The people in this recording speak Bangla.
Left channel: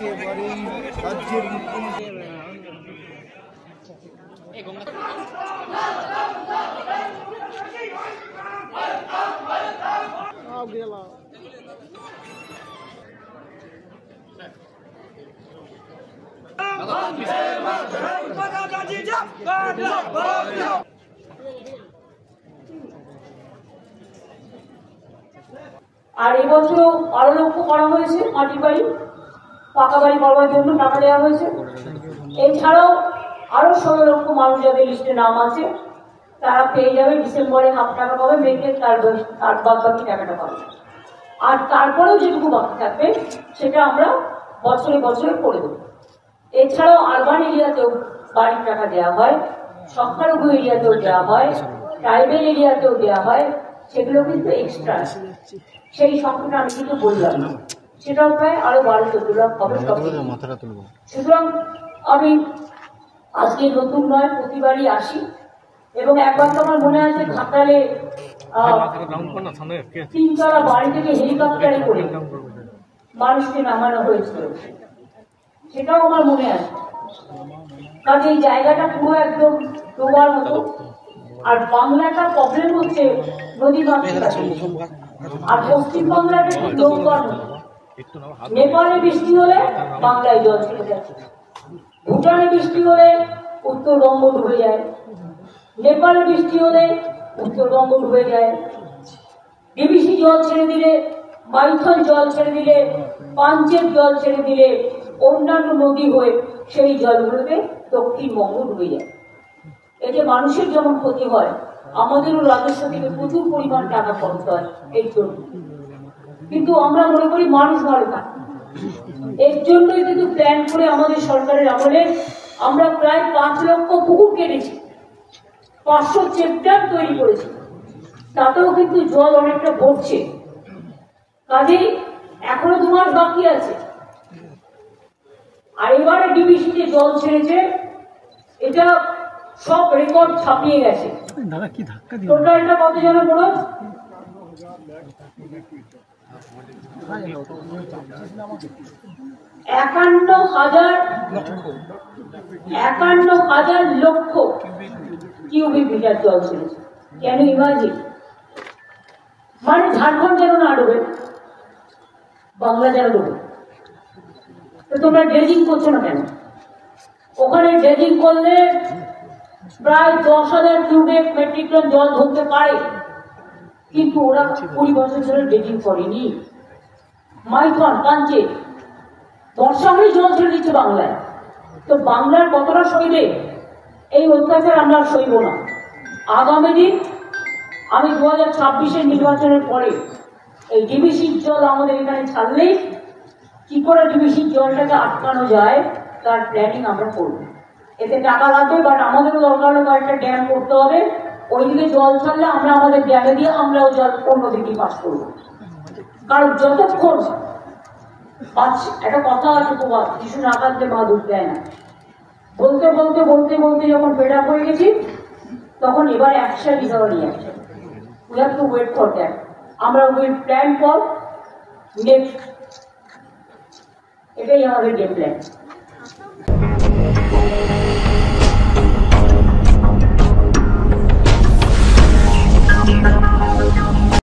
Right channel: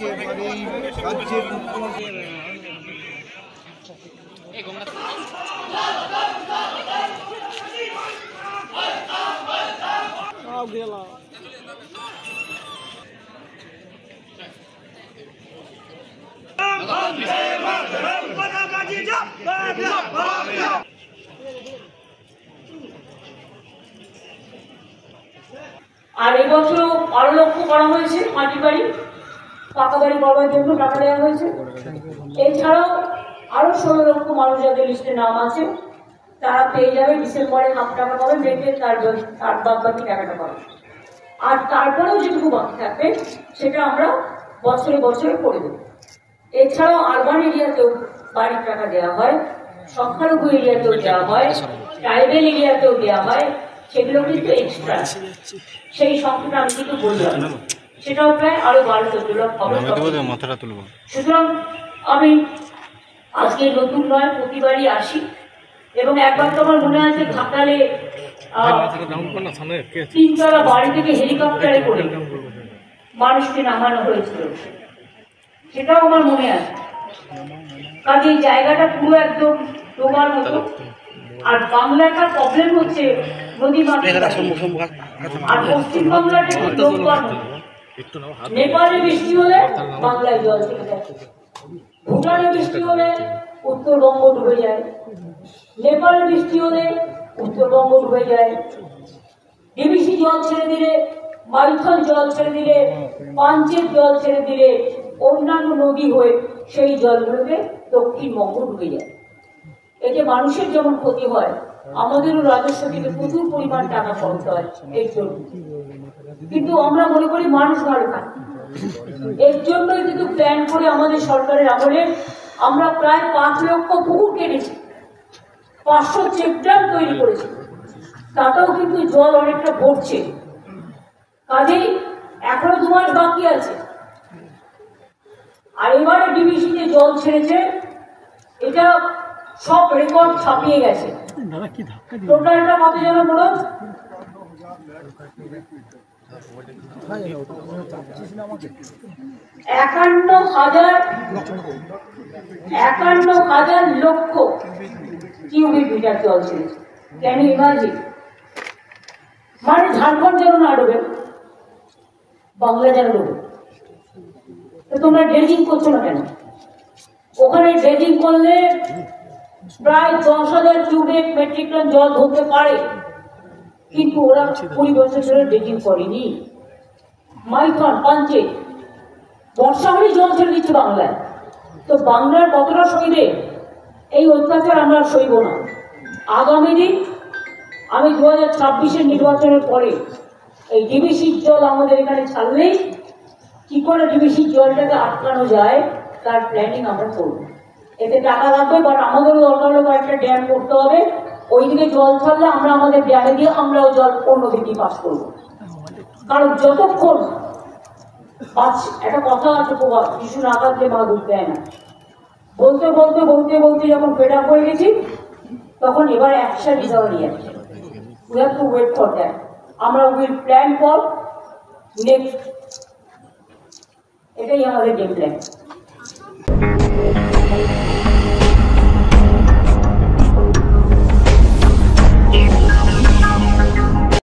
একেবারেই রাজ্যের মুখ্যমন্ত্রী আর এবছর আরো লক্ষ্য করা হয়েছে মাটির বাড়ি পাকা বাড়ি করবার জন্য টাকা দেওয়া হয়েছে। এছাড়াও আরো 16 লক্ষ মানুষ যাদের লিস্টে নাম আছে তারা পেয়ে যাবে ডিসেম্বরে হাফ টাকা পাবে, মেতে তার বাদ বাকি টাকাটা পাবে। আর তারপরেও যেটুকু বাকি থাকবে সেটা আমরা বছরে বছরে করে দেবো। এছাড়াও আরবান এরিয়াতেও বাড়ির টাকা দেওয়া হয়, সংখ্যালঘু এরিয়াতেও দেওয়া হয়, ট্রাইবেল এরিয়াতেও দেওয়া হয়, সেগুলো কিন্তু এক্সট্রা। সেই সংখ্যাটা আমি কিন্তু বললাম, সেটাও প্রায় আরো 12-14 লাখ হবে। সুতরাং আমি আজকে নতুন নয়, প্রতিবারই আসি এবং একবার তো আমার মনে আছে ঘাটালে 3 তলা বাড়ি থেকে হেলিকপ্টারে করে মানুষকে নামানো হয়েছিল, সেটাও আমার মনে আছে। কাজে এই জায়গাটা পুরো একদম ডোবার মতো। আর বাংলাটার প্রবলেম হচ্ছে নদী মাতৃ, আর পশ্চিমবাংলাটা একটু ডোবার মতো। নেপালে বৃষ্টি হলে বাংলায় জল ছেড়ে যায়, ভুটানে বৃষ্টি হলে উত্তরবঙ্গ ডুবে যায়, নেপালে বৃষ্টি হলে উত্তরবঙ্গ ডুবে যায়। ডিবিসি জল ছেড়ে দিলে, মাইথন জল ছেড়ে দিলে, পাঞ্চের জল ছেড়ে দিলে অন্যান্য নদী হয়ে সেই জলগুলোতে দক্ষিণবঙ্গ ডুবে যায়। এতে মানুষের যেমন ক্ষতি হয়, আমাদেরও রাজস্ব থেকে প্রচুর পরিমাণ টাকা খরচ হয় এর জন্য। কিন্তু আমরা মনে করি মানুষ ভালো থাকে, এর জন্যই কিন্তু প্ল্যান করে আমাদের সরকারের আমলে আমরা প্রায় 5 লক্ষ পুকুর কেটেছি, 500 চেকড্যাম তৈরি করেছি, তাতেও কিন্তু জল অনেকটা ভরছে। কাজেই এখনো 2 মাস বাকি আছে। আর এবারে ডিবিসিতে জল ছেড়েছে, এটা সব রেকর্ড ছাপিয়ে গেছে। টোটালটা কত যেন বলো, 51,000 লক্ষ কিউবিক মিটার জল ছেড়েছে। Can you imagine? মানে ঝাড়খণ্ড যেন না ডুবে, বাংলা যেন ডুবে। তো তোমরা ড্রেজিং করছো না কেন? ওখানে ড্রেজিং করলে প্রায় 10,000 কিউবিক মেট্রিক টন জল ধরতে পারে, কিন্তু ওরা 20 বছর ধরে ড্রেজিং করেনি। মাইথন, পাঞ্চে বর্ষা হলে জল ছেড়ে দিচ্ছে বাংলায়। তো বাংলার কতটা সইবে? এই অত্যাচার আমরা সইব না। আগামী দিন আমি 2026-এর নির্বাচনের পরে এই ডিবিসির জল আমাদের এখানে ছাড়লেই কি করে ডিবিসির জলটাকে আটকানো যায় তার প্ল্যানিং আমরা করব। এতে টাকা লাগবে, বাট আমাদেরও দরকার হলে কয়েকটা ড্যাম করতে হবে। ওইদিকে জল ছাড়লে আমরা আমাদের ড্যামে দিয়ে আমরাও জল অন্যদিকে পাস করবো। কারণ যতক্ষণ একটা কথা আছে, প্রবাদ, শিশু না কাঁদলে মা দুধ দেয় না। বলতে বলতে বলতে বলতে যখন ফেড আপ হয়ে গেছি, তখন এবার action is our reaction. We have to wait for that. আমরা উইল প্ল্যান ফর নেক্সট, এটাই আমাদের গেম প্ল্যান।